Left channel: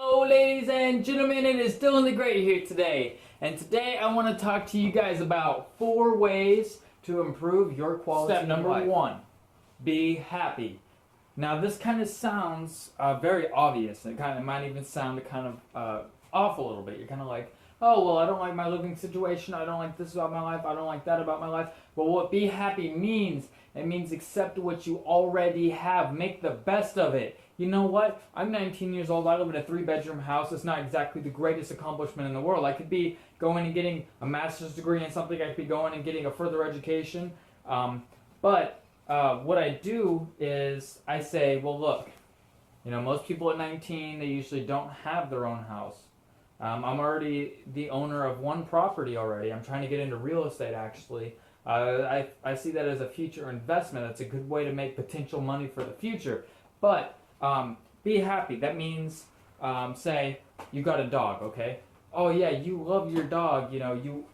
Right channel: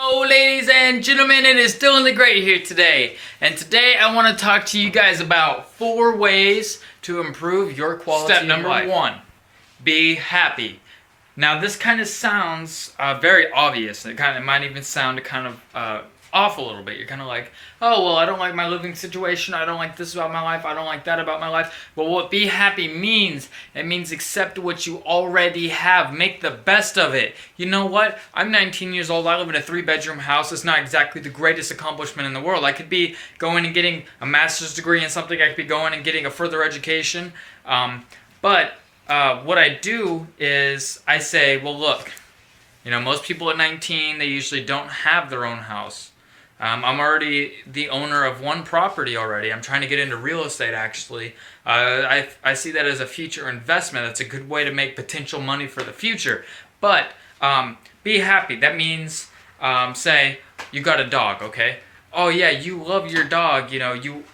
Hello ladies and gentlemen, it is Dylan the Great here today, and today I want to talk to you guys about 4 ways to improve your quality of life. Step number 1, be happy. Now this kind of sounds very obvious. It might even sound off a little bit. You're kind of like, oh well, I don't like my living situation, I don't like this about my life, I don't like that about my life. But what be happy means, it means accept what you already have, make the best of it. You know what, I'm 19 years old, I live in a 3-bedroom house. It's not exactly the greatest accomplishment in the world. I could be going and getting a master's degree in something, I could be going and getting a further education, but what I do is I say, well look, you know, most people at 19, they usually don't have their own house. I'm already the owner of 1 property already. I'm trying to get into real estate actually. I see that as a future investment. That's a good way to make potential money for the future. But be happy. That means, say, you got a dog, okay? Oh yeah, you love your dog, you know,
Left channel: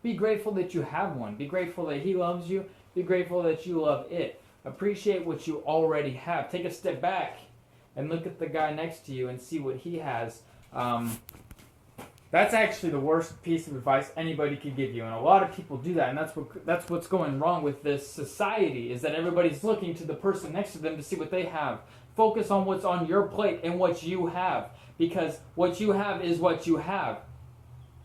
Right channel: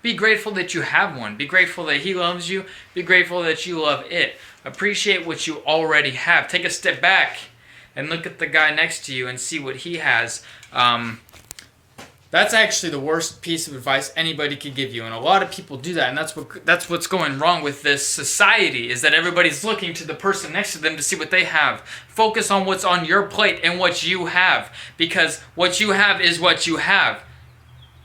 be grateful that you have one. Be grateful that he loves you. Be grateful that you love it. Appreciate what you already have. Take a step back and look at the guy next to you and see what he has. That's actually the worst piece of advice anybody could give you, and a lot of people do that, and that's what's going wrong with this society, is that everybody's looking to the person next to them to see what they have. Focus on what's on your plate and what you have, because what you have is what you have.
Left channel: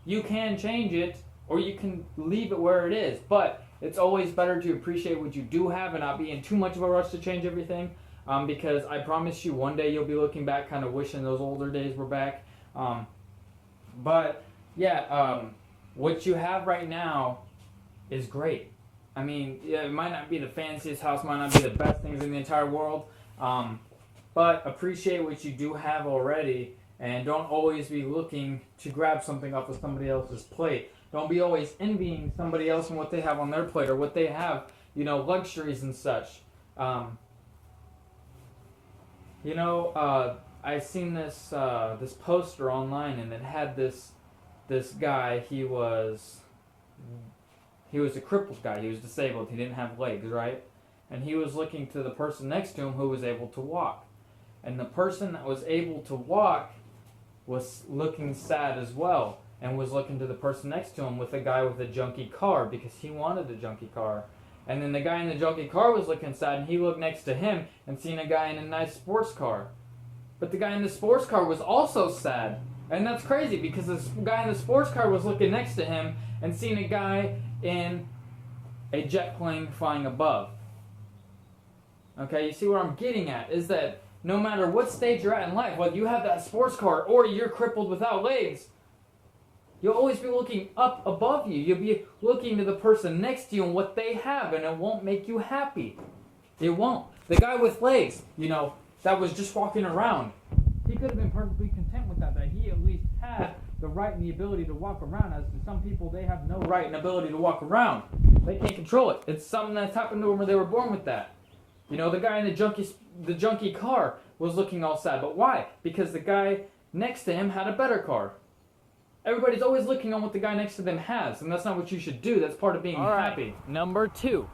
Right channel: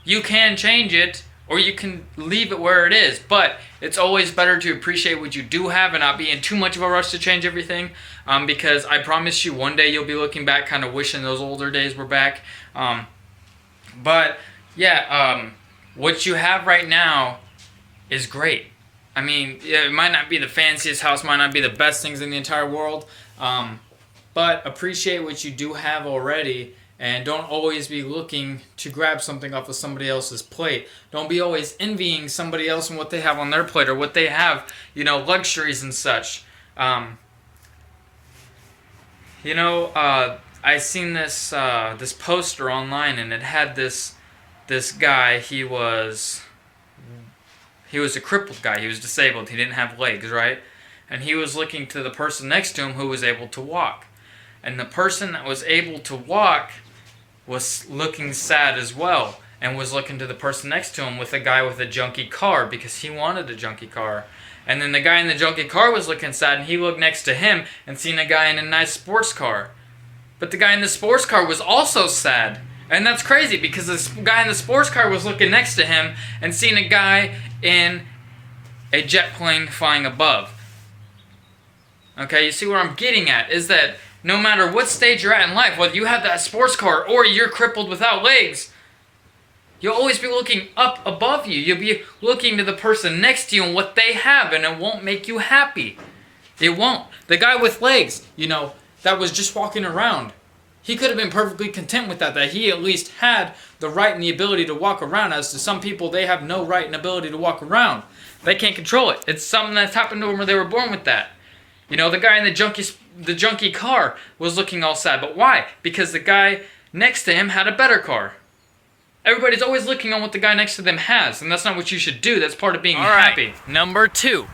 You can change it, or you can leave it where it is, but it's always better to appreciate what you do have and not be in too much of a rush to change everything, because I promise you one day you'll be looking back kind of wishing those older days were back. But yeah, what you have right now is great. I mean, yeah, it might not be the fanciest house, might not be the best things in the entire world, but appreciate what you do have already. And don't always be looking to grab something off of somebody else's plate. Don't be always envying somebody else and what they have on their plate, or what they have, you know, luxuries and such. I seen this this poster online, and it had this guy. He was a crippled guy. He was disabled. He didn't have legs, right? And he was looking to the person next to him who was able to walk. And the person that was able to walk was looking sad as well, and was looking to the person next to him with a guy with a junky car, because he wanted a junky car. And then the guy in the junky car was looking sad, and he looked next to him and seen a guy in a nice sports car. But the guy in the sports car was also sad. And that's crazy, because this guy in the sports car was looking next to him and seeing a guy in a jet plane flying above. Okay, you see where I'm getting at, is that no matter what stage you're at in life, whether you have that sports car or you're crippled without legs, you'll always be looking up above you. You'll be looking to the person next to you and what they have, and it won't make you happy. It won't. The guy with legs, you know, that was just walking around, he could have been perfectly content with that he at least had the right and the ability to walk around. As to some people, they have no right and ability to walk around. They can't control it. It's something that's happened to them where they were born with that. You know, the guy in the junky car was looking all sad. But why? Because the guy next to him had a better car. Everybody's always looking on what the guy next to them has, and that's not what you should do. That's part of being happy. Number 2.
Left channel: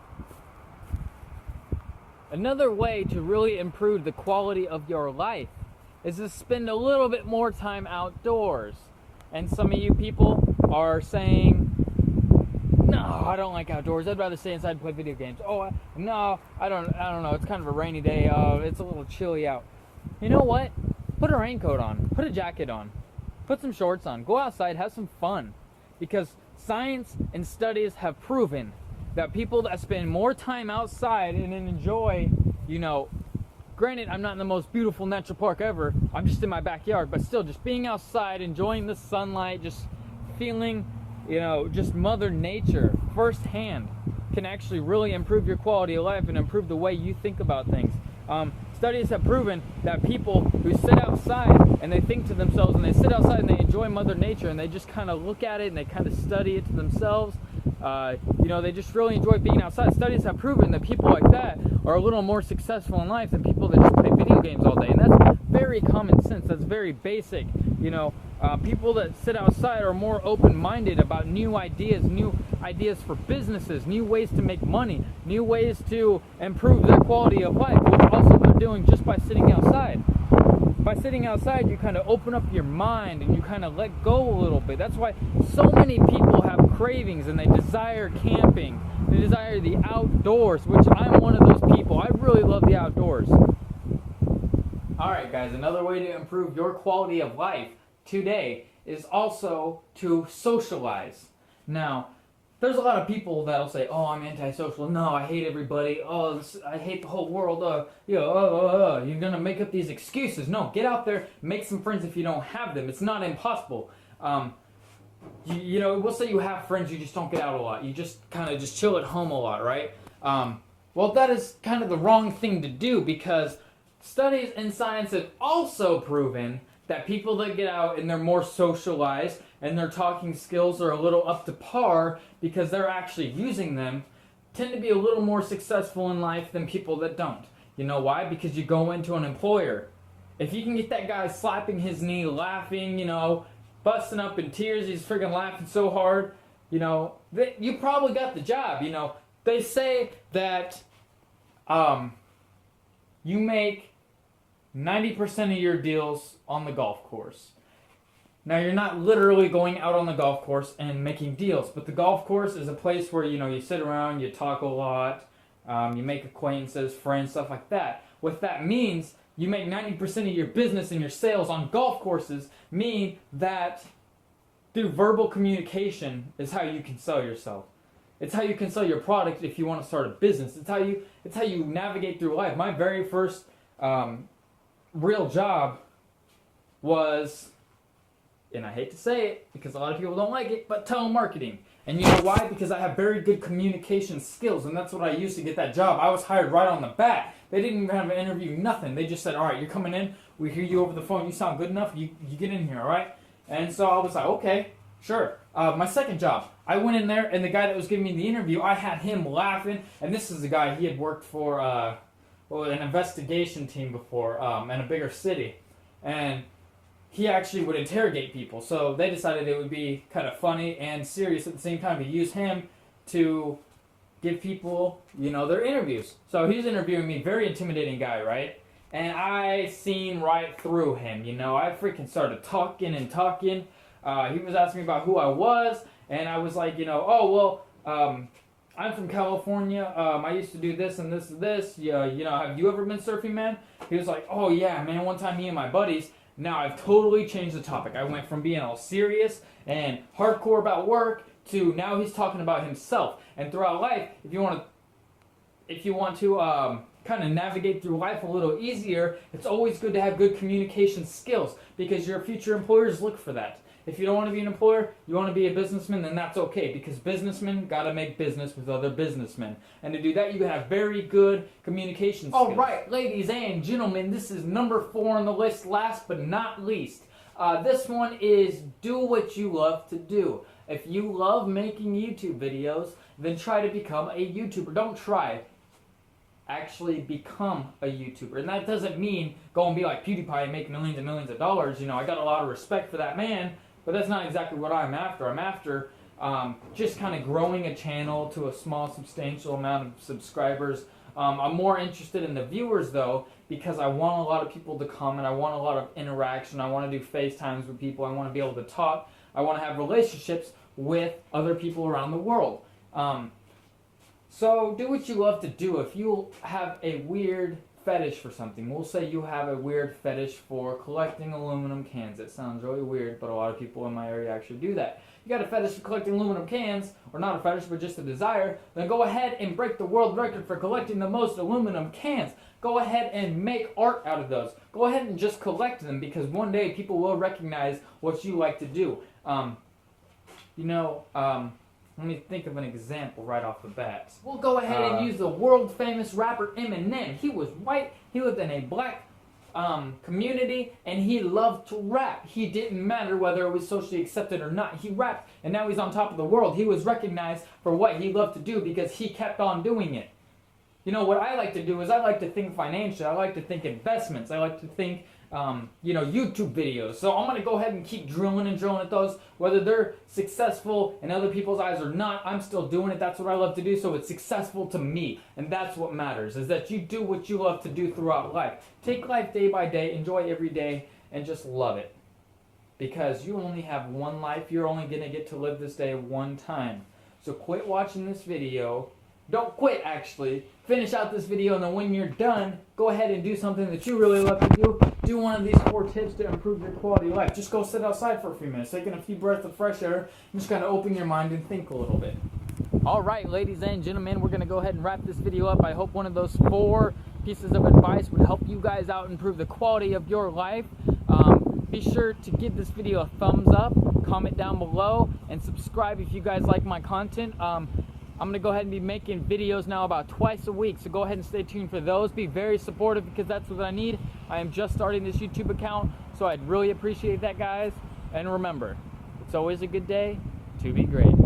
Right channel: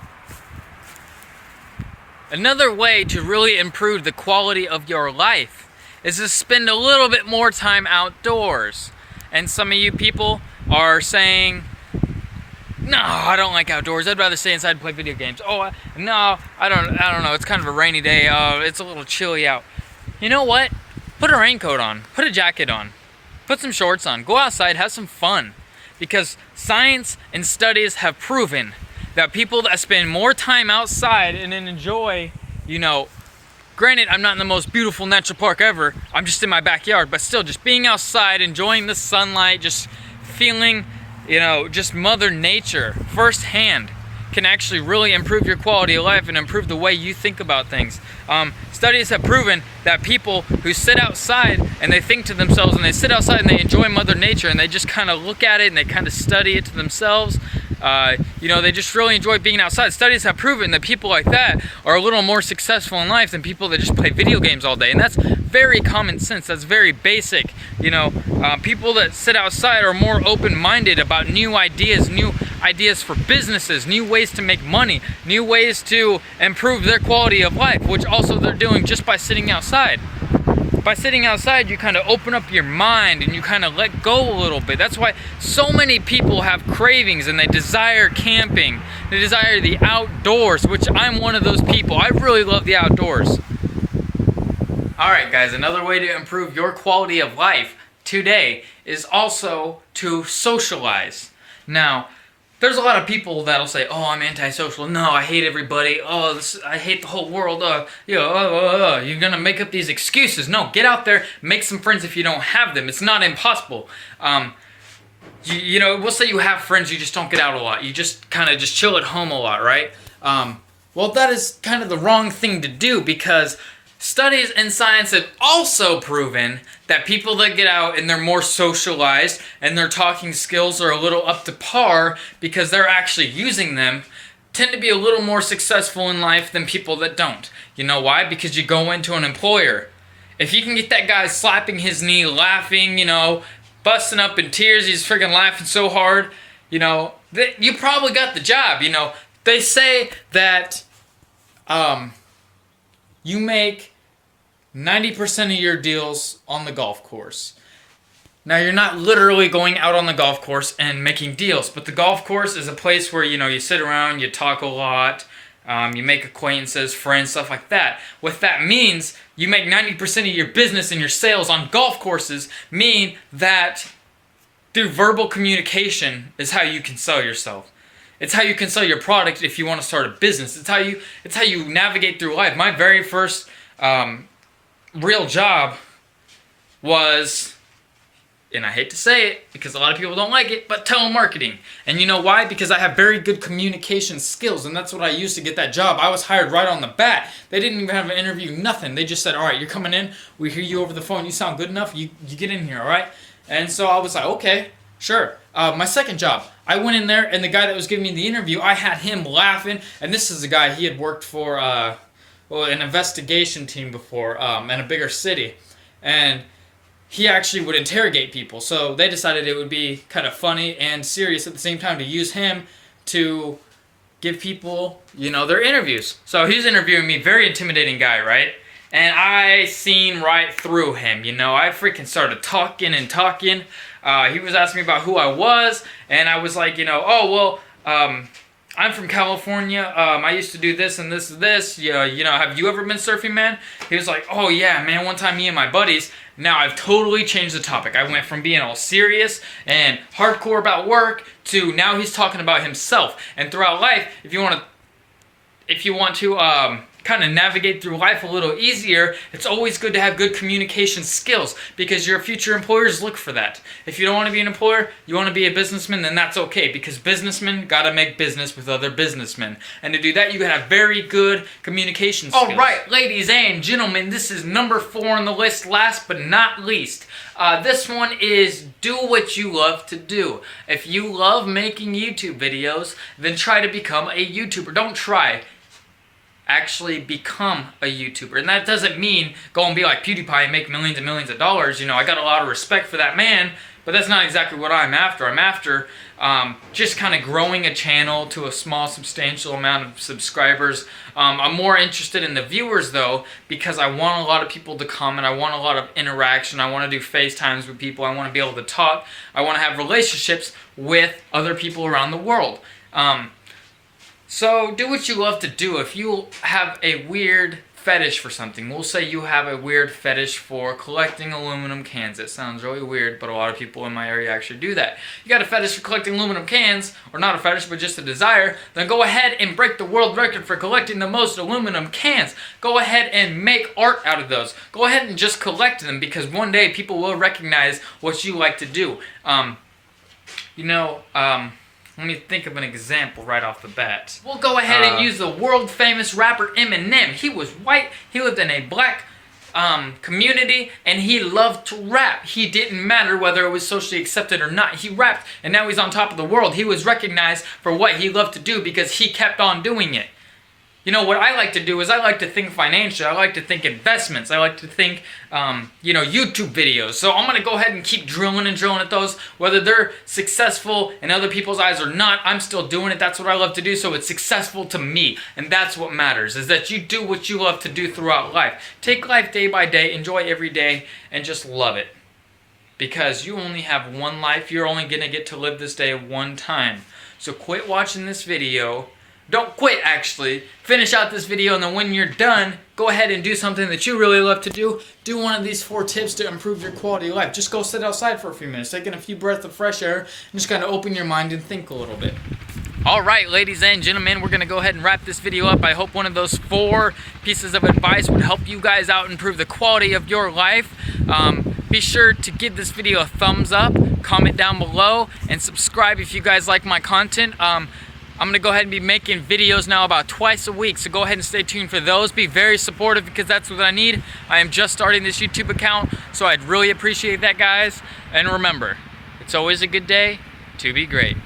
Another way to really improve the quality of your life is to spend a little bit more time outdoors. And some of you people are saying, no, I don't like outdoors. I'd rather stay inside and play video games. Oh, no, I don't know. It's kind of a rainy day. It's a little chilly out. You know what? Put a raincoat on. Put a jacket on. Put some shorts on. Go outside. Have some fun. Because science and studies have proven that people that spend more time outside and enjoy, you know, granted, I'm not in the most beautiful natural park ever. I'm just in my backyard. But still, just being outside, enjoying the sunlight, just feeling, you know, just Mother Nature firsthand can actually really improve your quality of life and improve the way you think about things. Studies have proven that people who sit outside and they think to themselves, and they sit outside and they enjoy Mother Nature, and they just kind of look at it and they kind of study it to themselves, you know, they just really enjoy being outside. Studies have proven that people like that are a little more successful in life than people that just play video games all day. And that's very common sense. That's very basic. You know, people that sit outside are more open-minded about new ideas for businesses, new ways to make money, new ways to improve their quality of life, which also they're doing just by sitting outside. by sitting outside, you kind of open up your mind and you kind of let go a little bit. That's why so many people have cravings and they desire camping. They desire the outdoors, which I'm one of those people. I really love the outdoors. Alright guys, another way to improve your quality of life today is also to socialize. Now, there's a lot of people that'll say, oh, I'm antisocial. No, I hate everybody. Oh, I hate the whole world. You're going to make up these excuses. No, get out there, make some friends if you don't have them. It's not impossible. We'll say you have friends, you just don't get out a lot. You just kind of just chill at home a lot, right? Well, that is kind of the wrong thing to do, because studies in science have also proven that people that get out and they're more socialized and their talking skills are a little up to par because they're actually using them tend to be a little more successful in life than people that don't. You know why? Because you go into an employer. If you can get that guy slapping his knee, laughing, busting up in tears, he's freaking laughing so hard, you probably got the job. They say that you make 90% of your deals on the golf course. Now, you're not literally going out on the golf course and making deals, but the golf course is a place where, you sit around, you talk a lot, you make acquaintances, friends, stuff like that. What that means, you make 90% of your business and your sales on golf courses mean that through verbal communication is how you can sell yourself. It's how you can sell your product if you want to start a business. It's how you navigate through life. My very first real job was, and I hate to say it because a lot of people don't like it, but telemarketing. And you know why? Because I have very good communication skills, and that's what I used to get that job. I was hired right on the bat. They didn't even have an interview, nothing. They just said, all right, you're coming in. We hear you over the phone. You sound good enough. You get in here, all right? And so I was like, okay, sure. My second job, I went in there, and the guy that was giving me the interview, I had him laughing. And this is a guy, he had worked for an investigation team before in a bigger city, and he actually would interrogate people. So they decided it would be kind of funny and serious at the same time to use him to give people, their interviews. So he's interviewing me, very intimidating guy, right? And I seen right through him, I freaking started talking and talking. He was asking me about who I was, and I was like, I'm from California. I used to do this and this and this. Have you ever been surfing, man? He was like, oh yeah, man, one time me and my buddies. Now I've totally changed the topic. I went from being all serious and hardcore about work to now he's talking about himself. And throughout life, if you want to kind of navigate through life a little easier, it's always good to have good communication skills, because your future employers look for that. If you don't want to be an employer, you want to be a businessman, then that's okay, because businessmen gotta make business with other businessmen. And to do that, you gotta have very good communication skills. Alright, ladies and gentlemen, this is number 4 on the list, last but not least. This one is do what you love to do. If you love making YouTube videos, then try to become a YouTuber. Don't try. Actually become a YouTuber. And that doesn't mean go and be like PewDiePie and make millions and millions of dollars. I got a lot of respect for that man, but that's not exactly what I'm after. I'm after just kind of growing a channel to a small, substantial amount of subscribers. I'm more interested in the viewers though, because I want a lot of people to comment. I want a lot of interaction. I want to do FaceTimes with people. I want to be able to talk. I want to have relationships with other people around the world. So do what you love to do. If you have a weird fetish for something, we'll say you have a weird fetish for collecting aluminum cans. It sounds really weird, but a lot of people in my area actually do that. You got a fetish for collecting aluminum cans, or not a fetish, but just a desire, then go ahead and break the world record for collecting the most aluminum cans. Go ahead and make art out of those. Go ahead and just collect them, because one day people will recognize what you like to do. Let me think of an example right off the bat. We'll go ahead and use the world famous rapper Eminem. He was white, he lived in a black community, and he loved to rap. He didn't matter whether it was socially accepted or not. He rapped, and now he's on top of the world. He was recognized for what he loved to do because he kept on doing it. You know, what I like to do is I like to think financial. I like to think investments. I like to think, YouTube videos. So I'm going to go ahead and keep drilling at those. Whether they're successful in other people's eyes or not, I'm still doing it. That's what I love to do. So it's successful to me. And that's what matters, is that you do what you love to do throughout life. Take life day by day, enjoy every day, and just love it. Because you only have one life. You're only going to get to live this day one time. So quit watching this video. Don't quit, actually. Finish out this video, and then when you're done, go ahead and do something that you really love to do. Do one of these 4 tips to improve your quality of life. Just go sit outside for a few minutes, taking a few breaths of fresh air, and just kind of open your mind and think a little bit. All right, ladies and gentlemen, we're going to go ahead and wrap this video up. I hope one of those 4 pieces of advice would help you guys out and improve the quality of your life. Be sure to give this video a thumbs up, comment down below, and subscribe if you guys like my content. I'm going to go ahead and be making videos now about twice a week, so go ahead and stay tuned for those. Be very supportive, because that's what I need. I am just starting this YouTube account, so I'd really appreciate that, guys. And remember, it's always a good day to be great.